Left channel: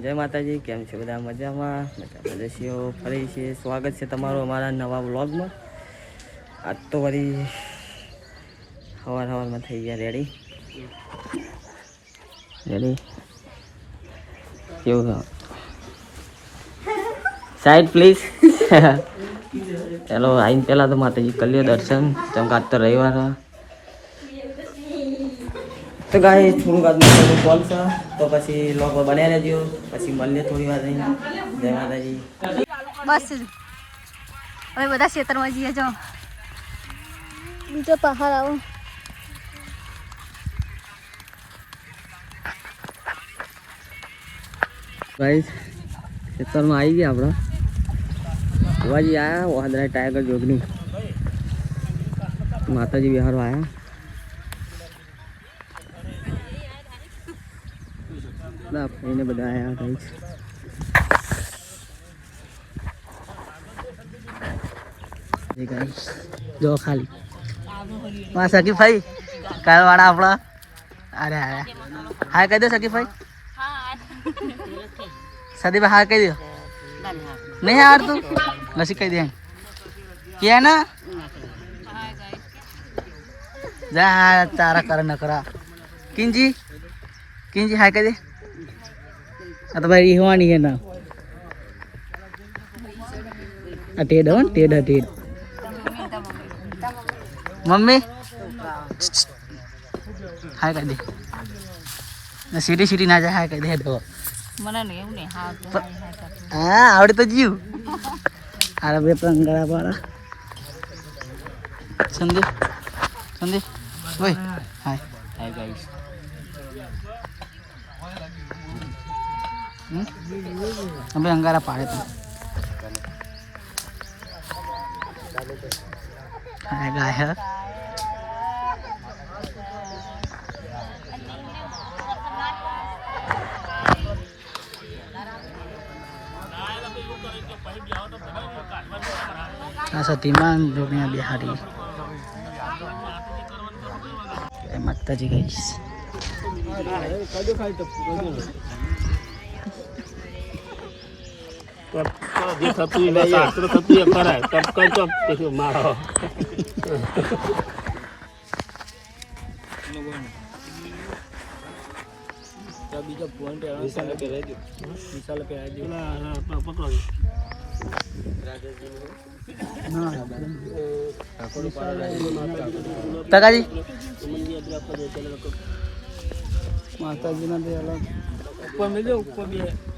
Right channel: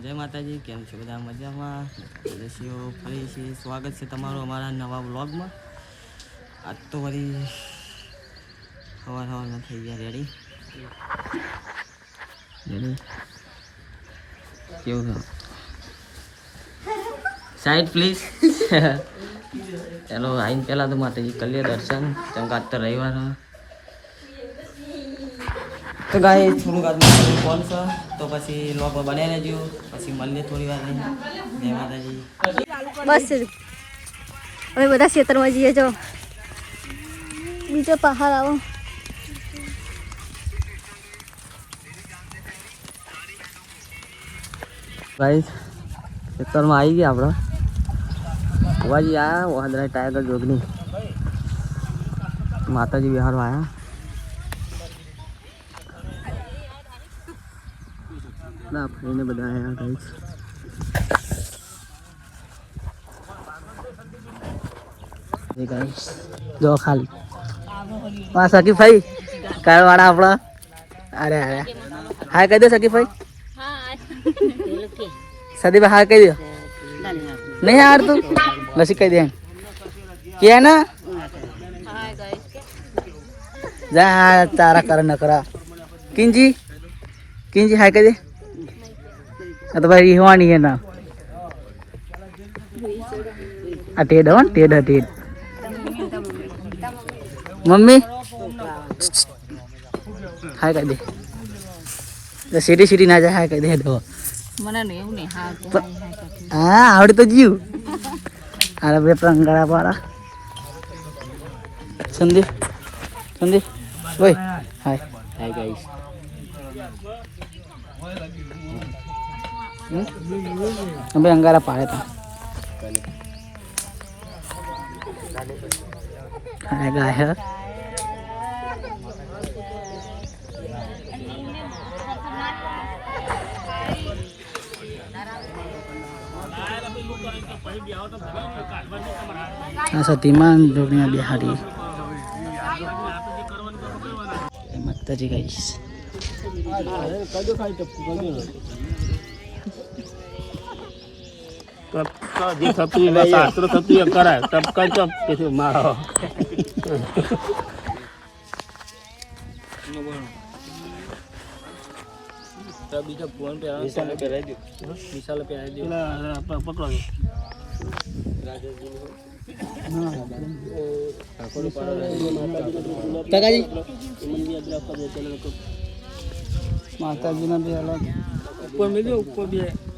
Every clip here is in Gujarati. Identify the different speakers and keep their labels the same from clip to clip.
Speaker 1: જય માતાજી, કેમ છે બધા મજામાં? સદસ્યો ફરી છે. સ્વાગત છે તમારું અમારા નવા વ્લોગમાં. આજ તો વળી સવાર સવારમાં થઈ ગયા રેડી રેડી કેવું સાઈડ પ્લીઝ ચાલો આઈને પહેલાં તો માતાજી કરીએ દર્શન. ચમકાત તો રવિવાર છે. તો ગાય થોડુંક આજ માતાનું કોલ છે તો પછી લોકો બને રહેજો. પછી મળીએ થોડી વાર રહીને. જય માતાજી.
Speaker 2: બસ. હવે બધા ખેતરમાં જઈએ જો. બીજો પહાડ આવો.
Speaker 1: ભાઈ ખેતરમાં આવી ગયા આપણે. કુવાજી આવ્યા વાંદરા ટાઈગર જોગની માતાજી વિહારમાં આયા. ના ફરીને બધા આયા ગાઈસ જો ખાલી. હા સકી ભાઈ કાળ વાળા આપણા. અરે અરે. હા, કહી દો સકી ભાઈ સદીભાઈ, હા, કહી દો. નહીં હાર તું લસી કહી દે કે ના? જા તારા કર નકરા કિંજી? કિંજી, હા, કહી દે. આ તો ભાઈ રીહવાની એના આ ટેડ હો ને ટેડ ટેડ. મમ્મી? હા કહી દે. સીટી સીટી ના જાય હા કહી દે તો.
Speaker 2: હા
Speaker 1: આવડે તો જીવ. અરે બે પ્રંગળા પાડા. સંદીપ સંદીપ ઓય હાય. હાય ગાઈસ અમે અંગારા પાડે તો હાય ગાય આ સતીમાં જોગણી બિહારી જય માતાજી ગાઈસ તકાજી માતાજીના બે અલગ ઉપર મેં ઉપર બે આપણે ચોક રામ તો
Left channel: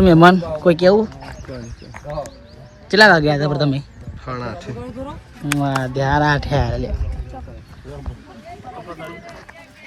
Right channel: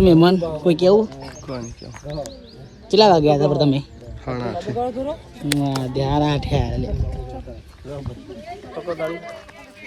Speaker 1: મહેમાન કોઈ કેવું? કેટલા વાગ્યા હતા તમે? ધ્યાન આઠે લે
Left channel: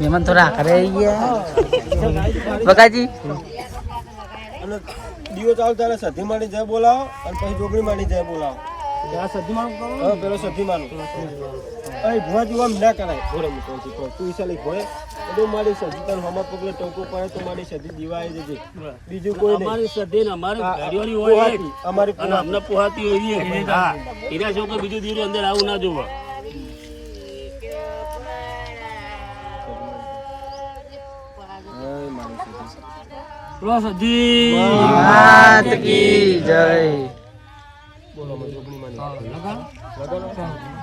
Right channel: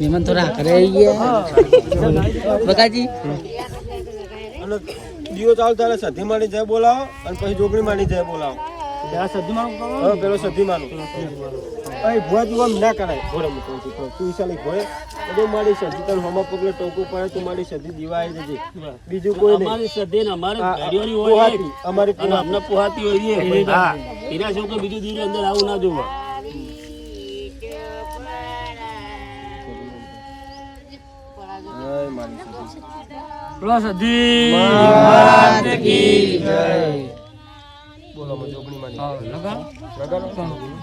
Speaker 1: મહેમાન થોડા કરે ગયા. બકાજી
Speaker 3: દીવો ચાલુ ત્યારે સધી માની જય બોલાવો અને પછી જોગણી માની જય બોલાવો. હા, પેલો સધી માનો અહીં ભુવા જીવન ના પણ તું ઈશાલી ભોય મારી સધી તો હમા પગલે ટોકું પડે તો મારી સધી દીવાય જજે બીજું કોઈ નહીં.
Speaker 4: અમારી ને અમારી ગાડીઓની હોય
Speaker 3: અમારી
Speaker 4: અને અમને પોહાતી હોય હા. એના જો કોઈ બીજું દીવડું અંદર આવું ના જોવા. બોલો સધી
Speaker 1: જય.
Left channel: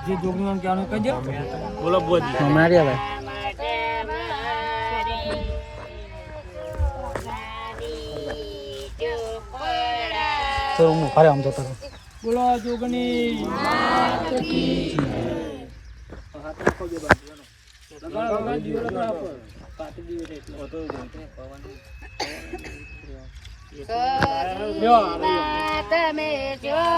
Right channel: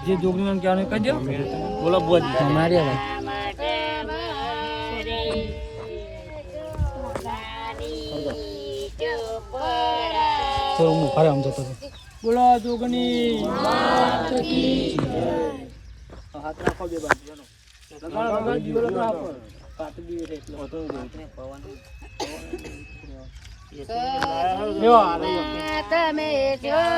Speaker 3: જે જોગણી કહેવાનું કહી દો.
Speaker 4: બોલો બોલ
Speaker 1: માર્યા ભાઈ તો હું આમ જતો
Speaker 3: બોલો જોગણી.
Speaker 4: હે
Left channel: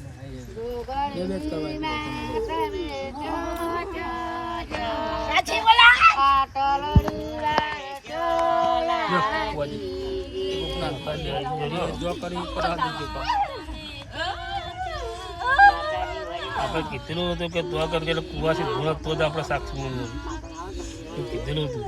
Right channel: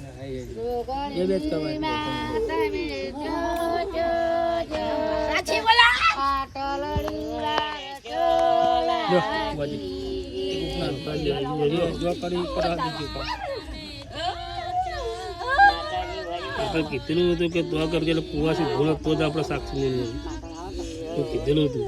Speaker 4: બનાવી દેવાય
Speaker 3: જો કરી કરાવી દીધું
Speaker 4: આપણે કીધેલું હતું કે દુઆ કરજે એટલે કુવાથી ભૂલ તો જ આપણે સાક્ષી એવું કીધેલું હતું.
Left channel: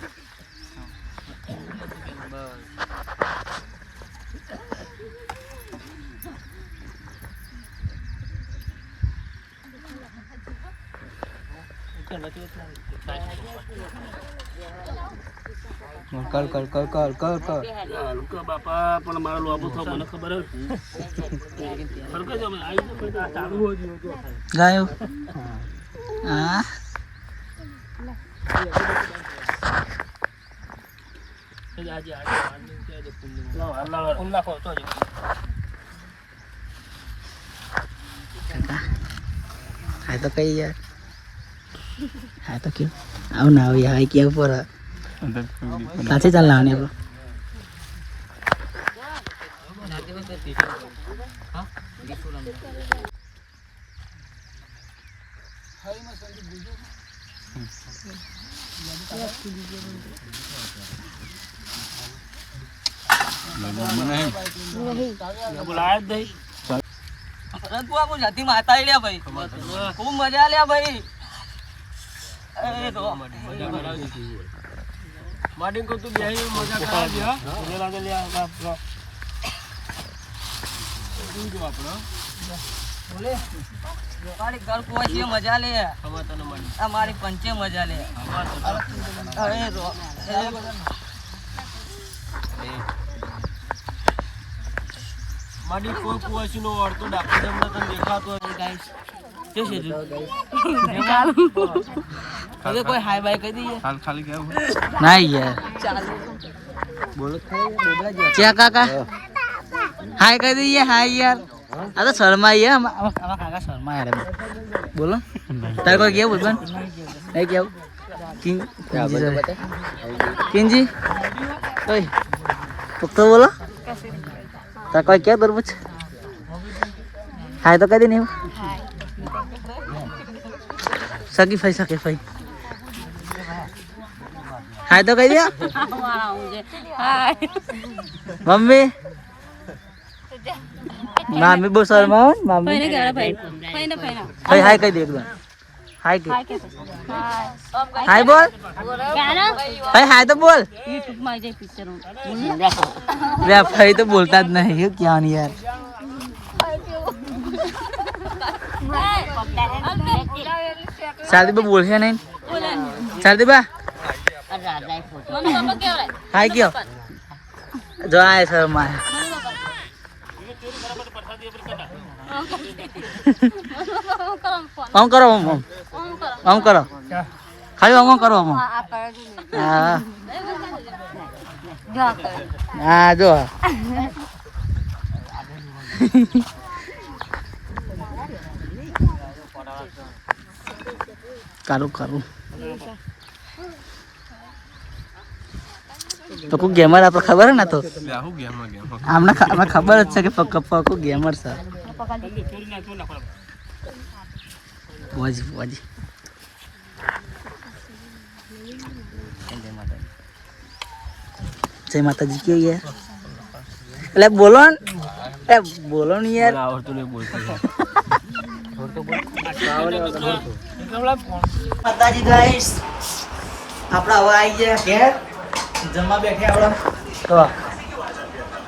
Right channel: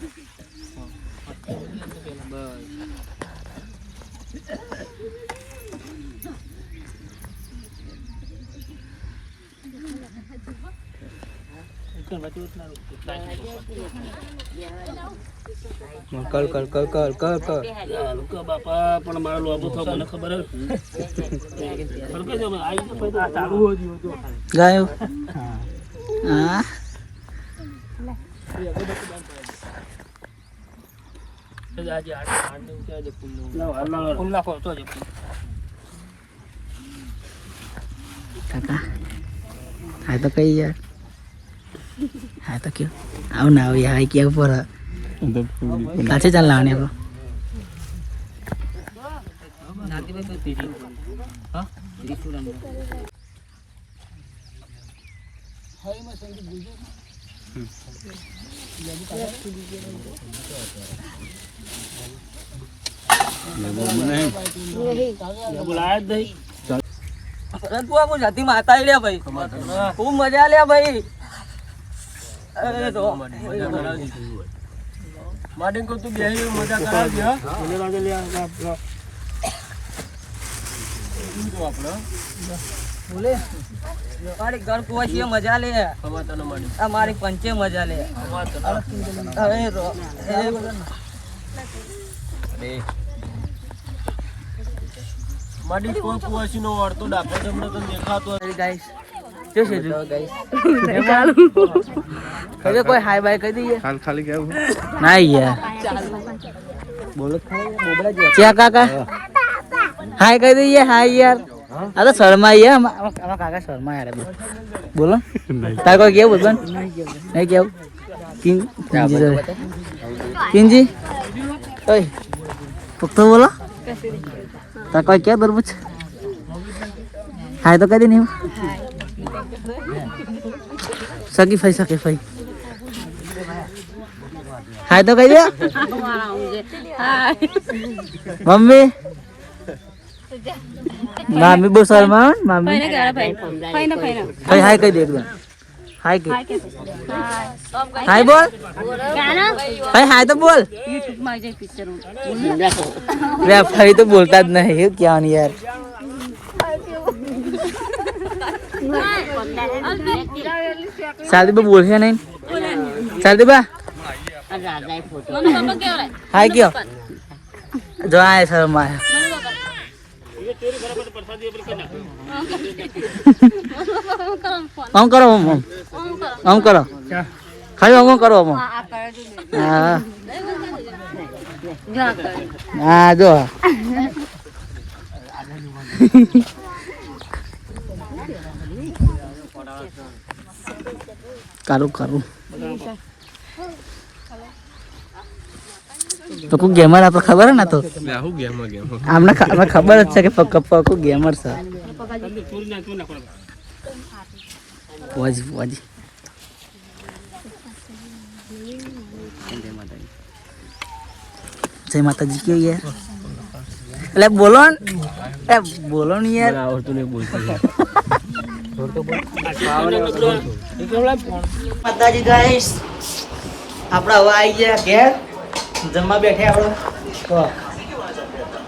Speaker 3: લે રાખજો અગરબત્તી રોકી
Speaker 1: કર કર કર કર કર કર
Speaker 4: હલકા બાપા પણ મારો લોબો થયો મને ખબર હતી હલકા જો આવી ગયો પછી આ ચાલુ હોય ગયું તો
Speaker 1: ગાયો હા
Speaker 4: લાવ હલાવ
Speaker 3: ફોન નાખો તો જ
Speaker 1: હા તો કઈ યાર હા તો આવું ના યાર ક્યાં ઉપર પાછે ચાલ લાવને આપણો.
Speaker 4: બોલાયા જ નહીં
Speaker 1: તું આ જાતિ માતા લ્યા ભાઈ. ખૂબ મજા લ્યા ભાઈ.
Speaker 3: માડીને કહું તું બેહી મજા કરાવજે હા.
Speaker 4: મને લાગે લે
Speaker 3: આપણે.
Speaker 1: બોલે. મારી ઘર કુવા છે મજા લે. આ મારી પંચે મજા લે. અરે રો
Speaker 3: માડી કોઈ કુવાસી નો અડતો ડાકો તમને તો દેખાતો
Speaker 1: ગાઈસ જો જો કદે કોઈ હાય બાય કહી દઈએ.
Speaker 3: હાલ ખાલી કેવું?
Speaker 1: ના યાર. બોલો ચા કાકા? હાય કહી દઈએ. હાય યાર. આ તો શર્મા યાર અમારા કાકા શર્મા યાર બોલ. તાર કોઈ કેવું બોલ નહીં કેવું? કિંગ કિંજી જોડે. કિંજી? ઓય. તો બોલો. તાર કોઈ કે તરબૂચ હાય તો કહી દે નહીં સકી ફઈ સકી ફઈ હાય તો કહી દે મમ્મી મમ્મી બહુ સારું મારું મમ્મી ભાઈ હાય કહી દે એકદમ હાય કે હાય બોલ ભાઈ હાય તો બોલ વે ફરી તો બોલતા જ નહીં ક્યાં યાર શાદી બા બોલશે નહીં? શાદી બા હાય કયો? જો આ છે મારે આમ કરો આમ. આમ કરો. ખાલી આમ કરો, આમ. હા. હા, જો. કરું કારું. પક્કુ ગેમર આપણે ખબર ને તો? અમને આપણે ખબર જ છે કે પક્કું ગેમર છે. વાજી વાજી જય માતાજી કેવું યાર? એટલે બોલો ને. એ બોલો ને યાર.
Speaker 3: આવડતું નહીં બોલતું.
Speaker 1: માતાજી ગાઈસ આપણે હવે આવી ગયા ઘેર. જમવા બેઠે આપણે.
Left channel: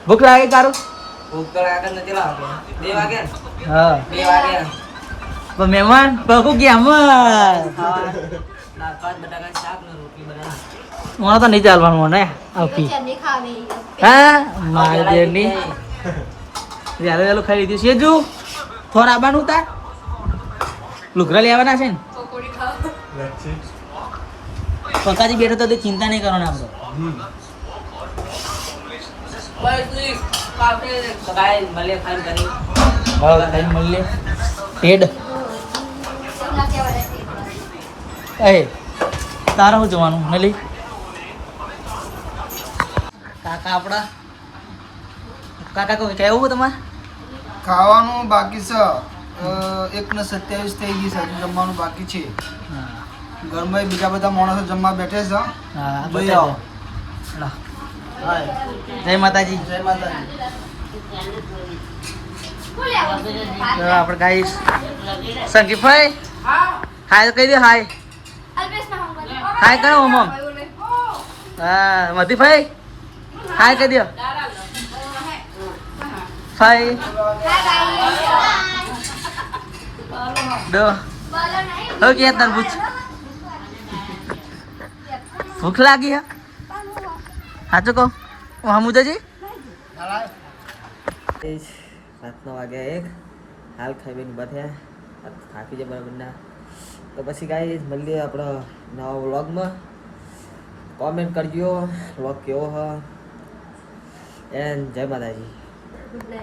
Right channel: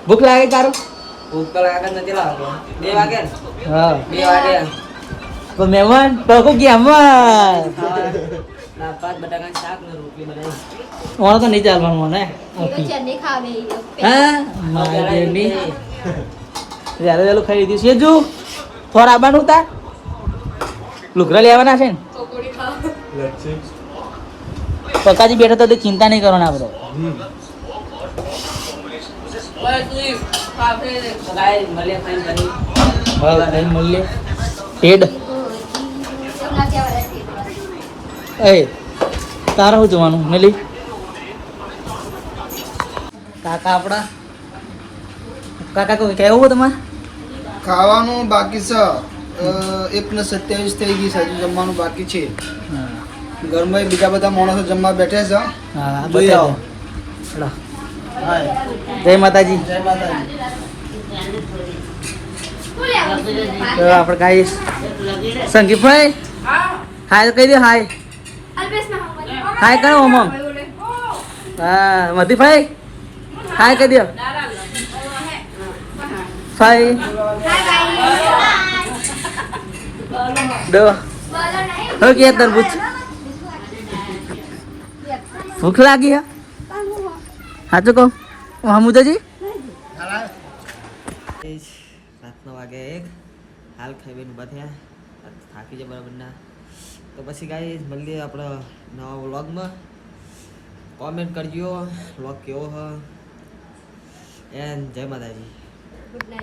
Speaker 1: ભૂખ લાગે તારું?
Speaker 5: ભૂખ લાગે નથી લાગે બે વાગે
Speaker 1: હા.
Speaker 5: બે વાગે.
Speaker 1: પણ મહેમાન પકુ ગેમર
Speaker 5: દાળ ભાત બટાકાનું શાક ને રોટલી બનાવી.
Speaker 1: મને તો નહીં ચાલવાનું મને. હા? મારી વહેલું વહેલું ખાઈ લીધું. છે જુ થોડા આવવાનું તાર? લુગરા લેવાના છે ને? પકાજી બેઠા તો તે ચિંતા નહીં કરવાના
Speaker 5: બની
Speaker 1: હા, ખાઈ મળીએ. પેડ એ, તારા શું જોવાનું? નલી? કાકા આપણા? કાકા કેવું તમારે?
Speaker 6: ખાવાનું બાકી છે. એક ને સત્યાવીસ થઈ ગઈ છે હજુ જમવાનું બાકી છે.
Speaker 1: હા.
Speaker 6: ઘરમાં બીજા બધા માણસો જમવા બેઠે છે
Speaker 1: હા.
Speaker 6: જોઈ આવો. હાય.
Speaker 1: જય માતાજી.
Speaker 6: જય માતાજી.
Speaker 1: આપણે ગાઈસ. સંગીતભાઈ? હાય કહી દે હાય. હાય કરો ઓમમ હા મધીભાઈ? હાય કહી દો. ભાઈ. દો. હો કે તરબૂચ ભૂખ લાગી હા? સાચું કહું. હમુદાજી
Speaker 5: સાતનો વાગ્યા એક. હાલ ખાઈ બેન ઊભા થયા. થાકી જાય બરાબરના તો પછી કાંઈ મળીએ આપણા નવા વ્લોગમાં. કોમેન્ટ કરજો, વ્લોગ કેવો હ? એન્ડ જય માતાજી.